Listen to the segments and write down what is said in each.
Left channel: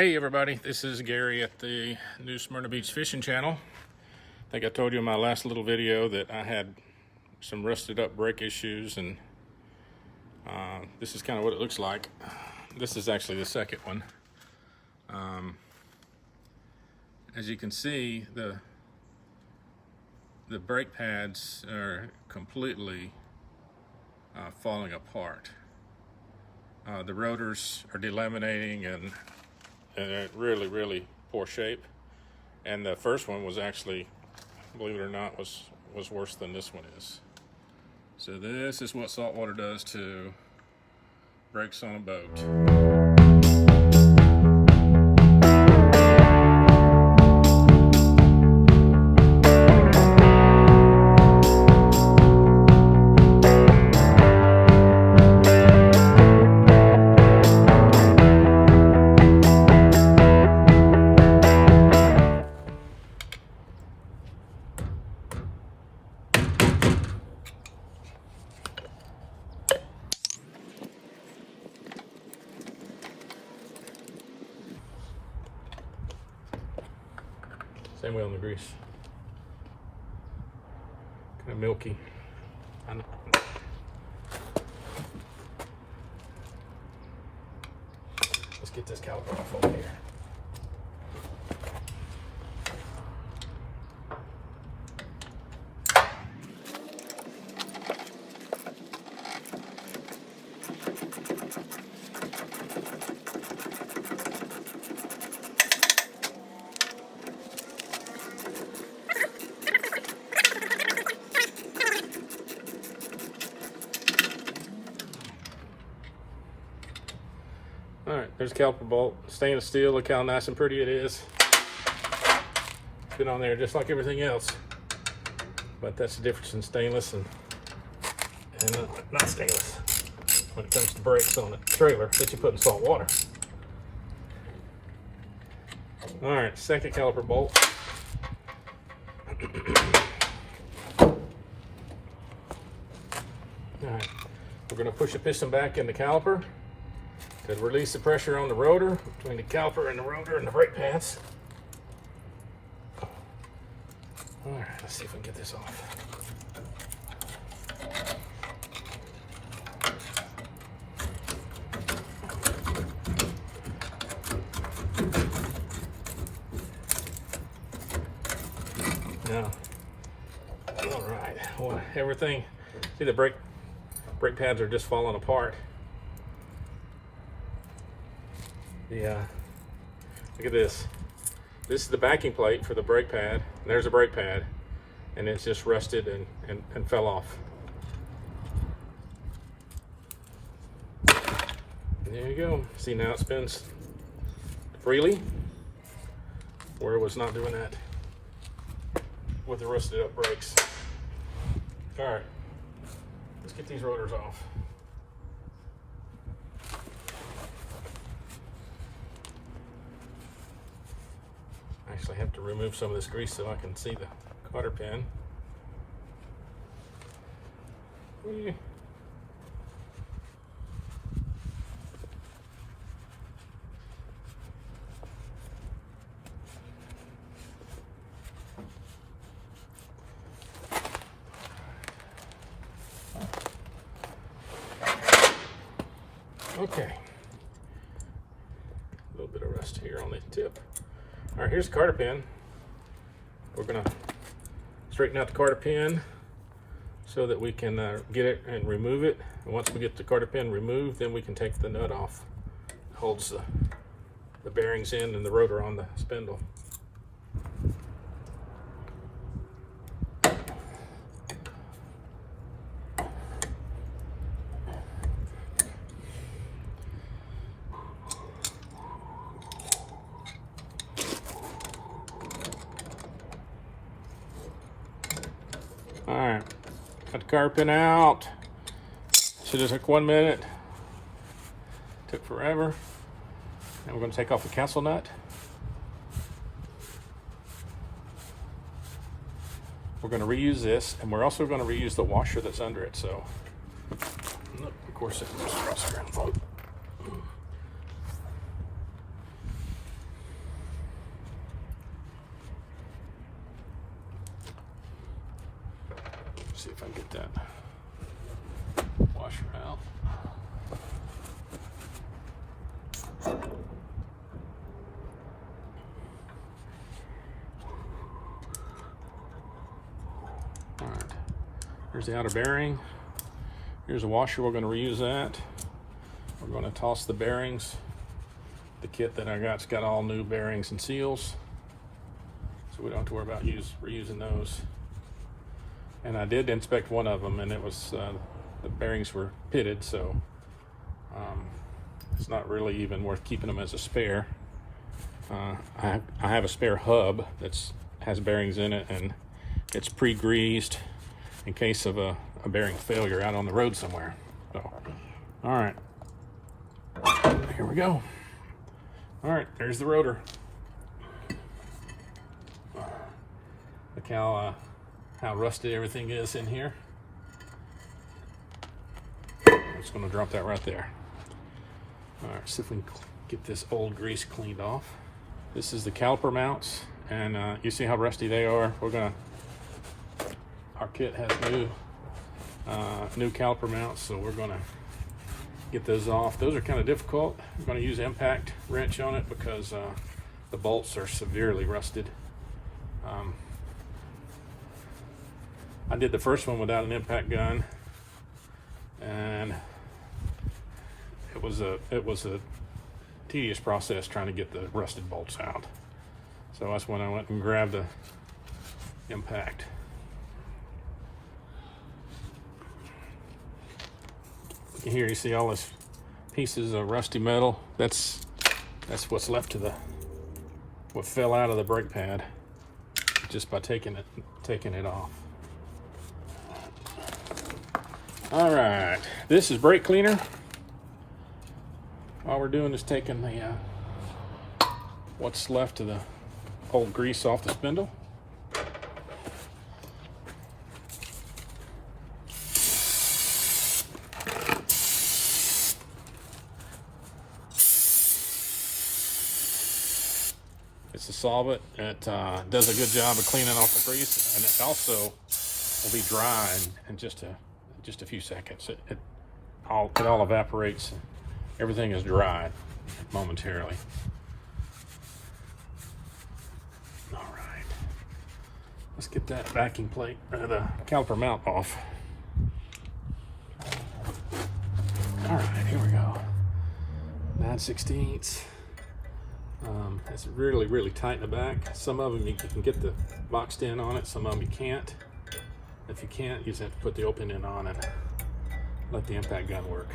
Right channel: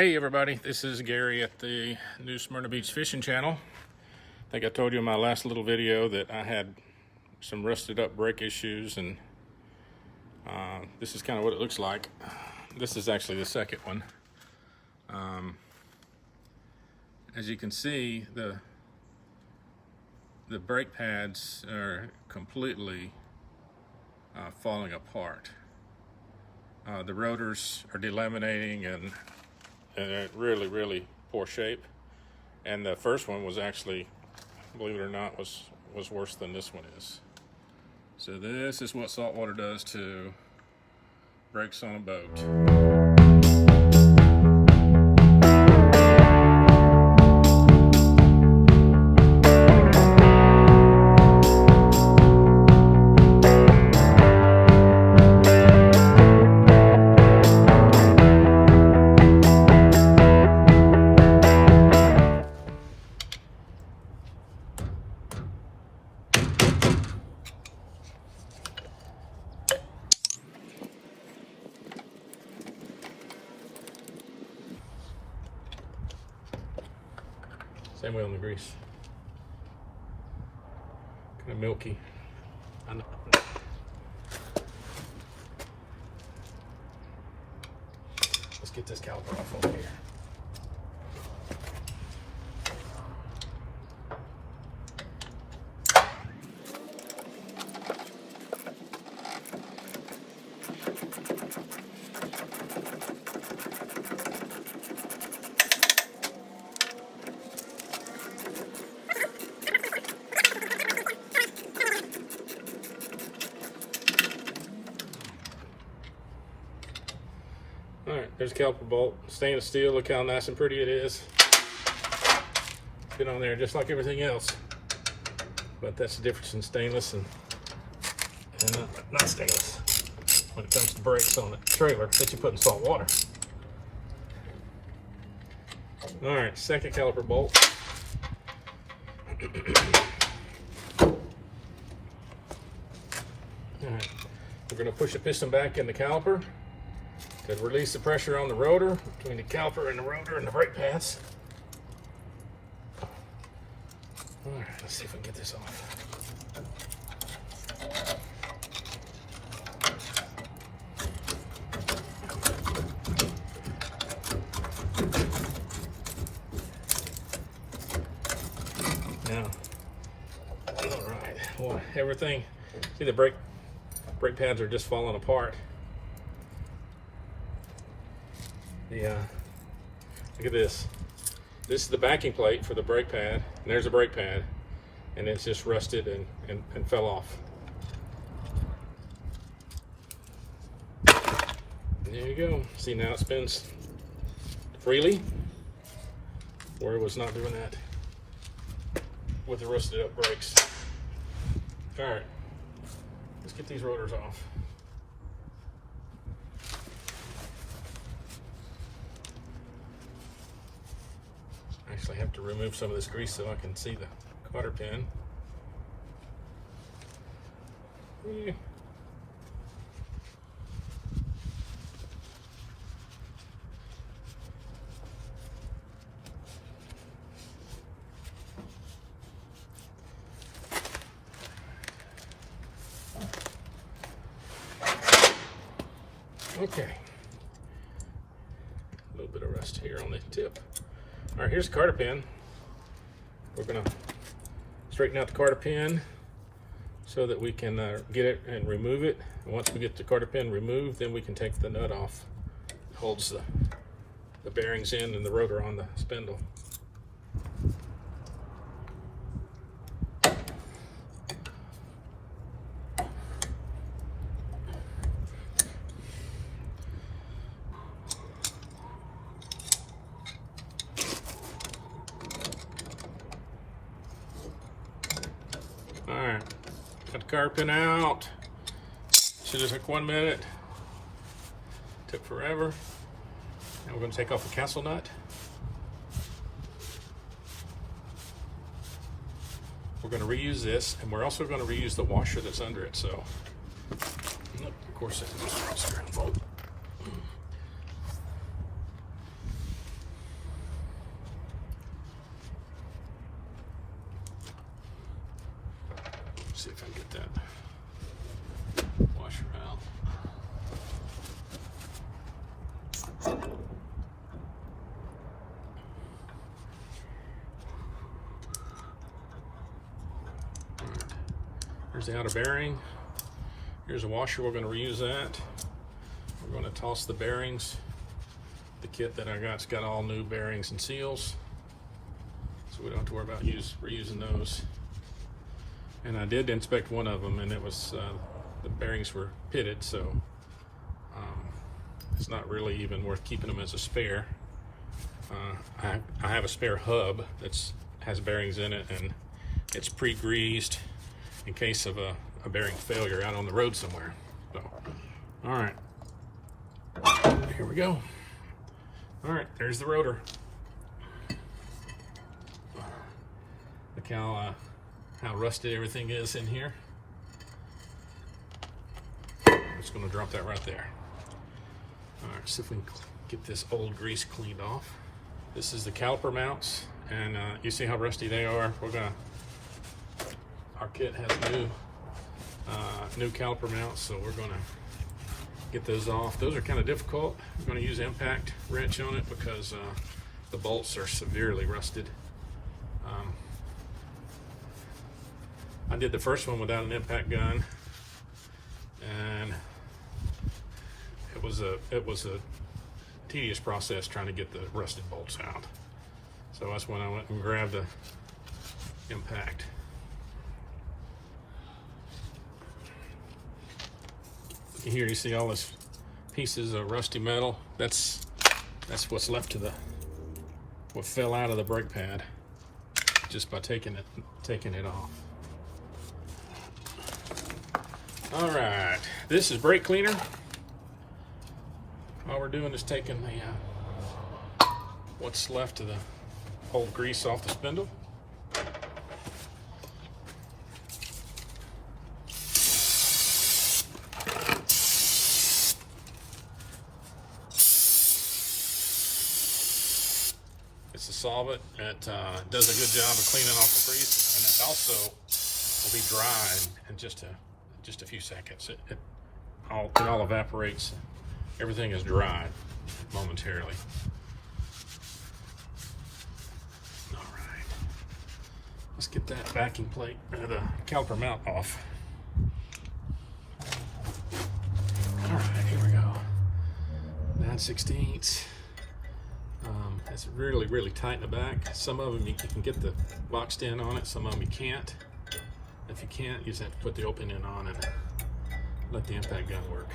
Hey everybody, this is Gary at the New Smyrna Beach Fishing Channel. I think I told you in my last little video that I had some rusted up brake issues, and this is kind of what it looks like. This is actually the second one. As you can see, the brake pads are completely falling apart. The rotors are delaminating and really poor shape, and the first one was actually, believe it or not, was worse than this one is. So this is what saltwater does to brakes on a boat. Same way on the grease. Kind of milky. I know. Let's get this caliper off over here. All right, there's a caliper bolt, stainless steel. Look how nice and pretty it is. It's been on there just like everything else, but that's the difference in stainless and not stainless when it comes to brakes on a trailer that you put in salt water. All right, second caliper bolt. All right, we're going to push the piston back in the caliper to release the pressure on the rotor, between the caliper and the rotor and the brake pads. All right, let's see if we can get this off. Now, all right, well, everything, see the brake pads are just falling apart. Look at this. This is the backing plate for the brake pad, and there's a brake pad, and it's just rusted and fell off. There you go. See, now it spins freely, where it was not doing that with the rusted up brakes. All right, let's get these rotors off. Actually have to remove some of this grease so I can see the cotter pin. Okay. A little bit of rust here on the tip. All right, here's the cotter pin. We're gonna straighten out the cotter pin so that we can get it and remove it. And once we get the cotter pin removed, then we can take the nut off. It holds the bearings in and the rotor on the spindle. All right, got the cotter pin out. Should have took 1 minute. Took forever. And we're going to take off the castle nut. We're going to reuse this, and we're also going to reuse the washer that's under it. So, look, of course, it goes around. See if I can get that washer out. All right, here's the outer bearing. Here's a washer, we're going to reuse that. We're going to toss the bearings. The kit that I got's got all new bearings and seals, so we don't have to worry about reusing those. And I did inspect one of them, and it was the bearings were pitted, so it's not really even worth keeping them as a spare. I have a spare hub that has bearings in it, and it's pre-greased in case of a bearing failure out on the road somewhere. So, all right, here we go. All right, there's the rotor. Look how rusted everything is in here. I'm just gonna drop that right there. All right, see if we can get this old grease cleaned off. This is the caliper mounts, and you see how rusty they are. Our kit has new caliper mounts, so we're gonna get those off. Those are kind of difficult. We're going to use impact wrench on it because the bolts are severely rusted. I did the first one without an impact gun, and it was a tedious process trying to get the rusted bolts out. So that's when I went and grabbed the impact. Here you see all this pieces of rusty metal. That's what's left of what fell out of the brake pad just by taking it off. All right, this is brake cleaner. All we're doing is taking the what's left of the old grease off the spindle. It's a solvent. It does a good job of cleaning off the grease, and it also will be dry in just a few seconds. It all evaporates. Everything is dry momentarily. All right, let's get that backing plate, the caliper mount off. All right, here we go. 9/16. It's really, really tight in the back. Some of them you can get the boxed in on it, some of them you can't. If you can't, you just have to put the opening on and let the impact gun work.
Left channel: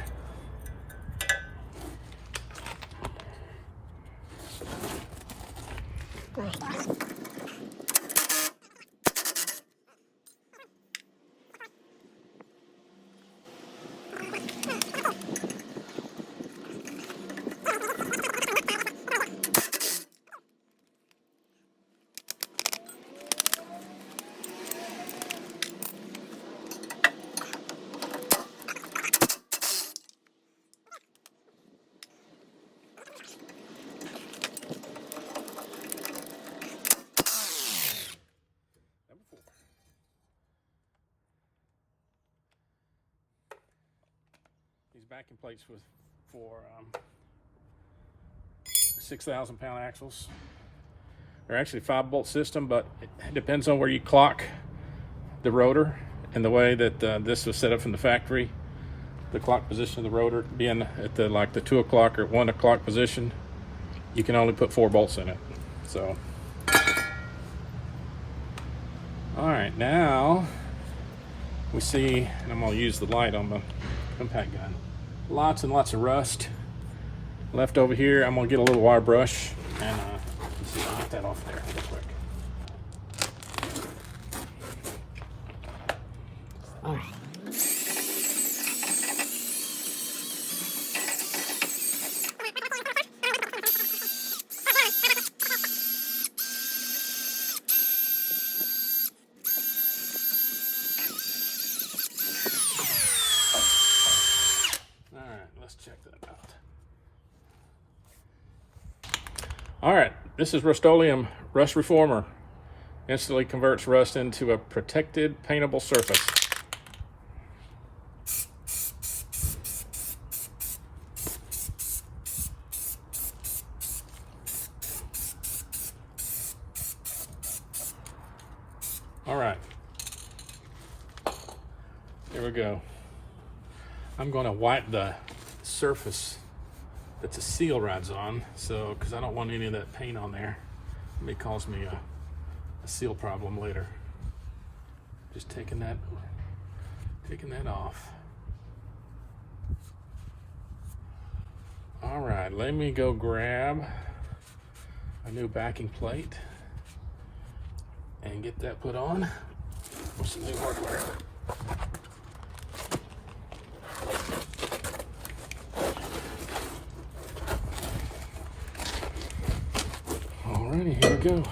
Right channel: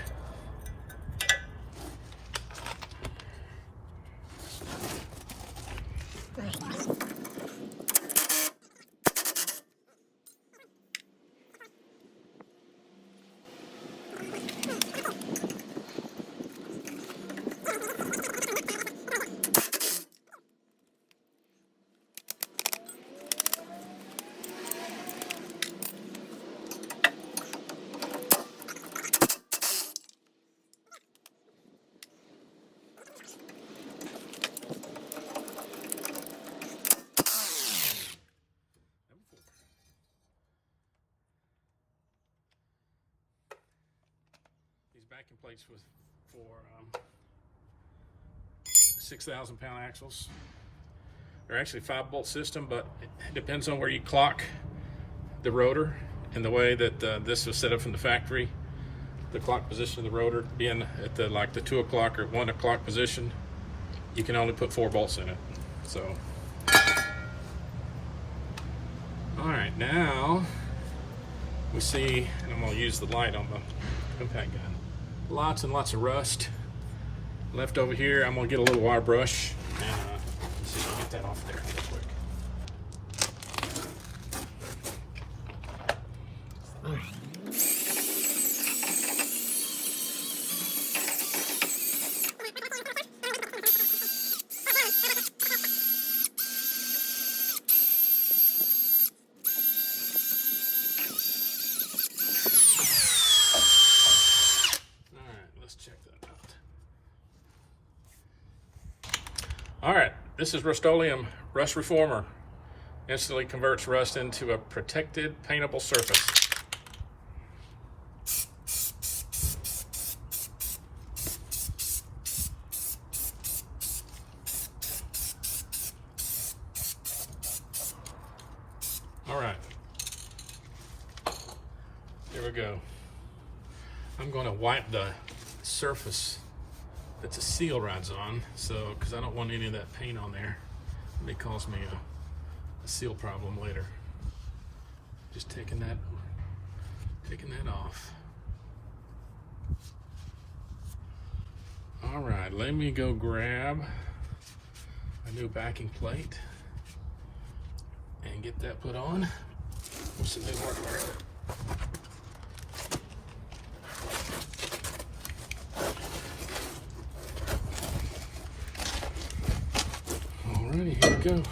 Backing plates for 6,000 pound axles. They're actually 5-bolt system, but it depends on where you clock the rotor and the way that this was set up from the factory. The clock position of the rotor being at the 2 o'clock or 1 o'clock position, you can only put 4 bolts in it. So, all right, now we see, and I'm going to use the light on the impact gun. Lots and lots of rust left over here. I'm gonna get a little wire brush and see if I can get that off there real quick. Oh. All right, this is Rust-Oleum Rust Reformer. Instantly converts rust into a protected paintable surface. All right, here we go. I'm going to wipe the surface that the seal rides on, so because I don't want any of that paint on there. It may cause me a seal problem later. Just taking that off. All right, let me go grab a new backing plate and get that put on with some new hardware. Alrighty, here we go.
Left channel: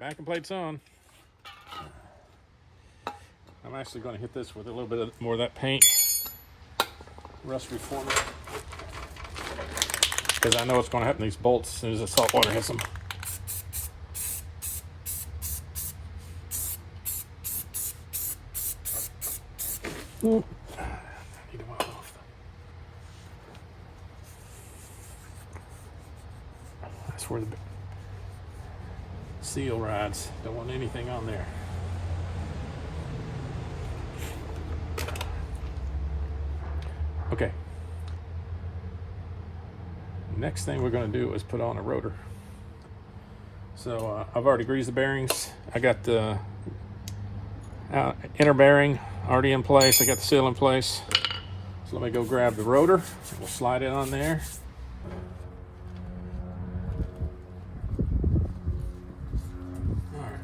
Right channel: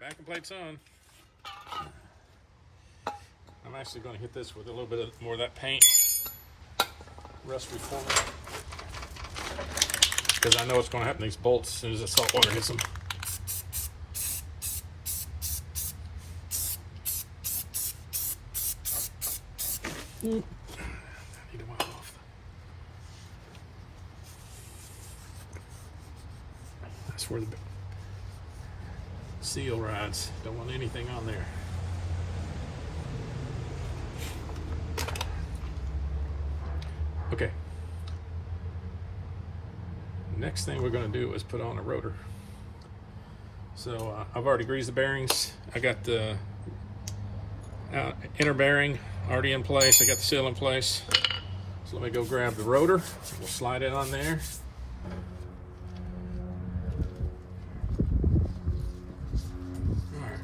Backing plate's on. I'm actually going to hit this with a little bit more of that paint, rust reformer, because I know what's going to happen to these bolts as soon as the salt water hits them. I need to wipe off. That's where the seal rides. Don't want anything on there. Okay. Next thing we're going to do is put on a rotor. So I've already greased the bearings. I got the inner bearing already in place. I got the seal in place. So let me go grab the rotor. We'll slide it on there.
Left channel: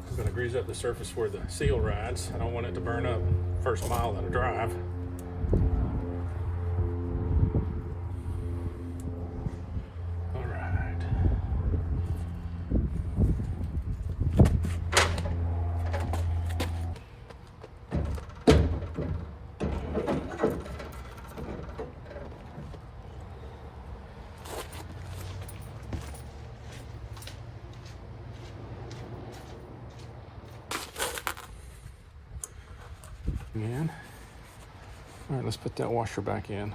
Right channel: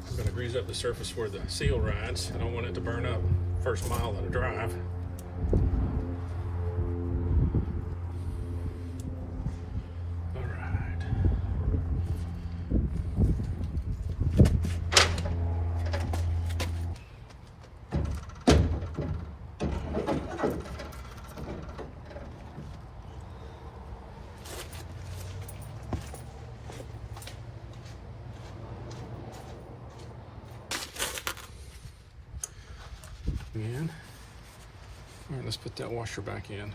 I'm going to grease up the surface where the seal rides. I don't want it to burn up first mile of the drive. All right. In. All right, let's put that washer back in.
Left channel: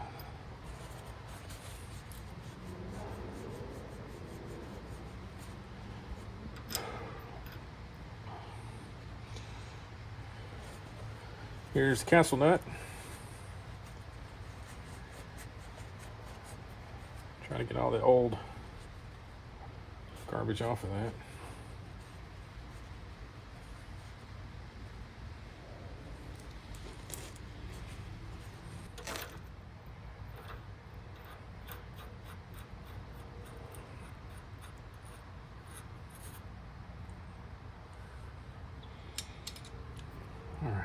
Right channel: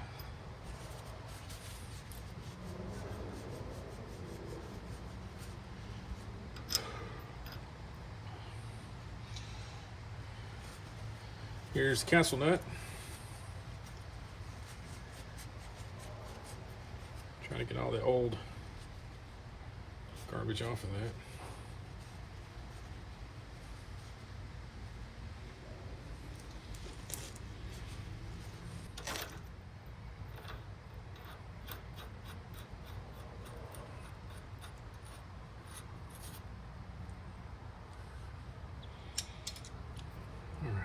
Here's the castle nut. Try to get all the old garbage off of that. All right.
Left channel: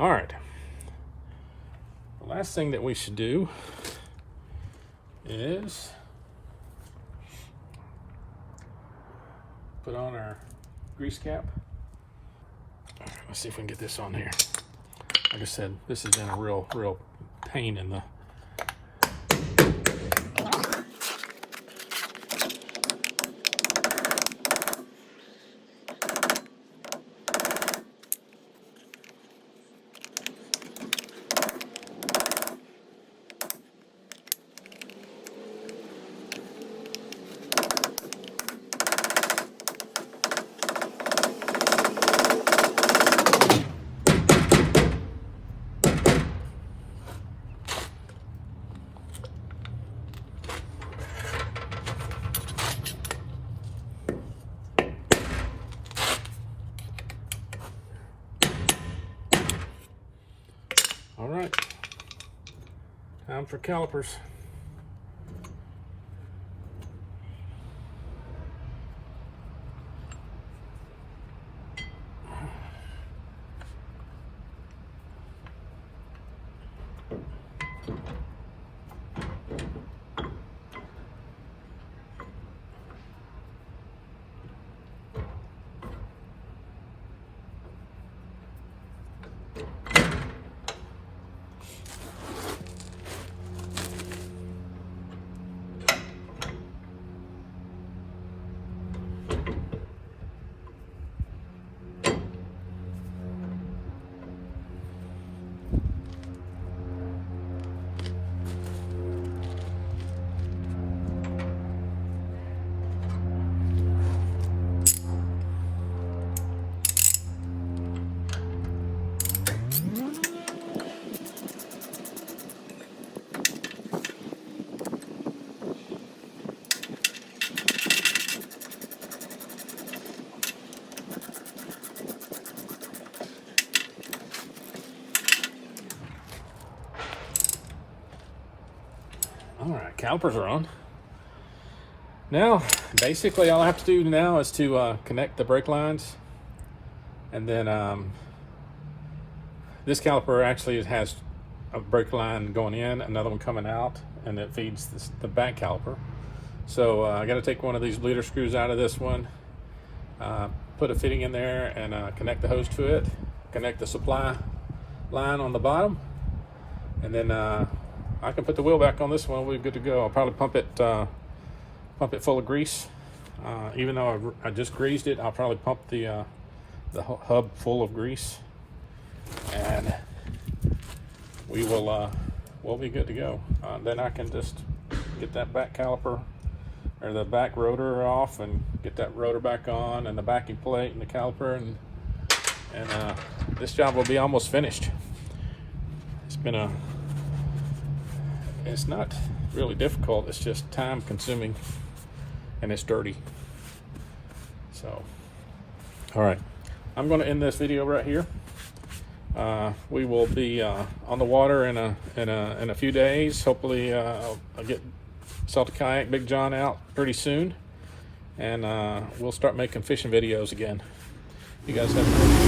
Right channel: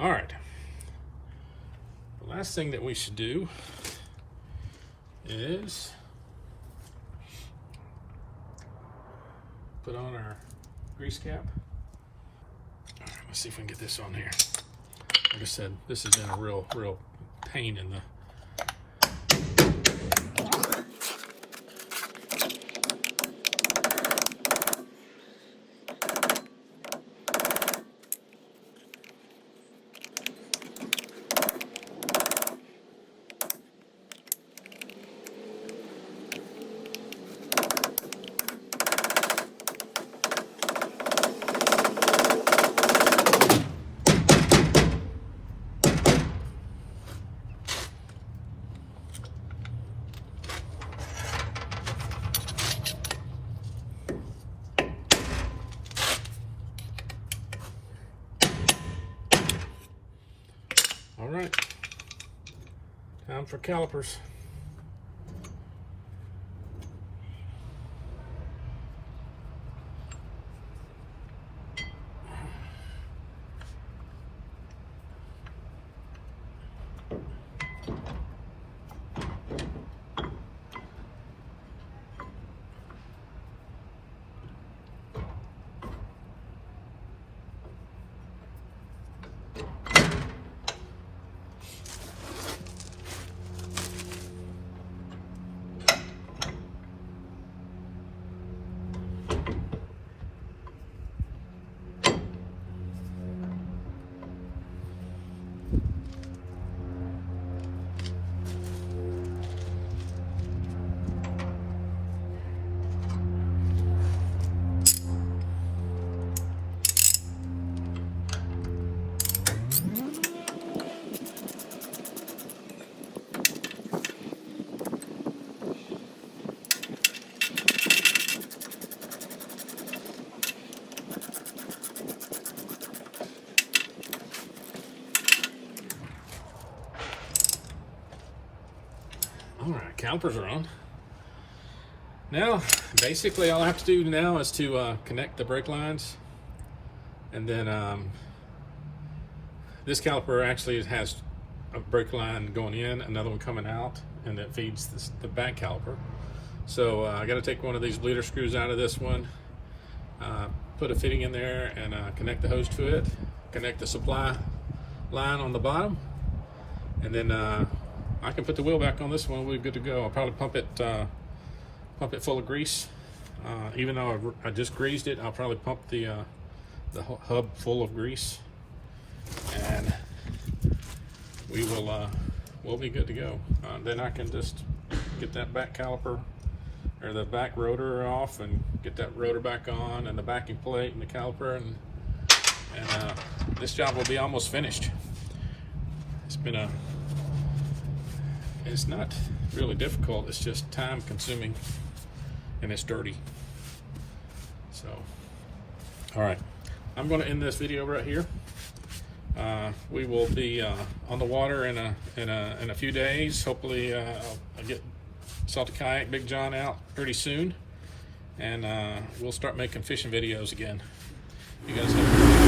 All right. The last thing that we should do is put on our grease cap. All right, let's see if we can get this on here. Like I said, this has been a real pain in the All right, time for calipers. All right, calipers are on. Now, basically all I have to do now is to connect the brake lines. And then this caliper actually has a brake line going in, another one coming out, and it feeds the back caliper. So I got to take one of these bleeder screws out of this one, put a fitting in there, and connect the hose to it, connect the supply line on the bottom, and then I can put the wheel back on this one. We're good to go. I'll probably pump it full of grease. Even though I just greased it, I'll probably pump the hub full of grease, and we'll be good to go. Then I can just get that back caliper or the back rotor off and get that rotor back on, and the backing plate and the caliper, and this job will be almost finished. It's not really difficult, it's just time consuming, and it's dirty. So, all right, I'm going to end this video right here. We will be on the water in a few days. Hopefully I'll get Salty Kayak Big John out pretty soon, and we'll start making fishing videos again. You guys have a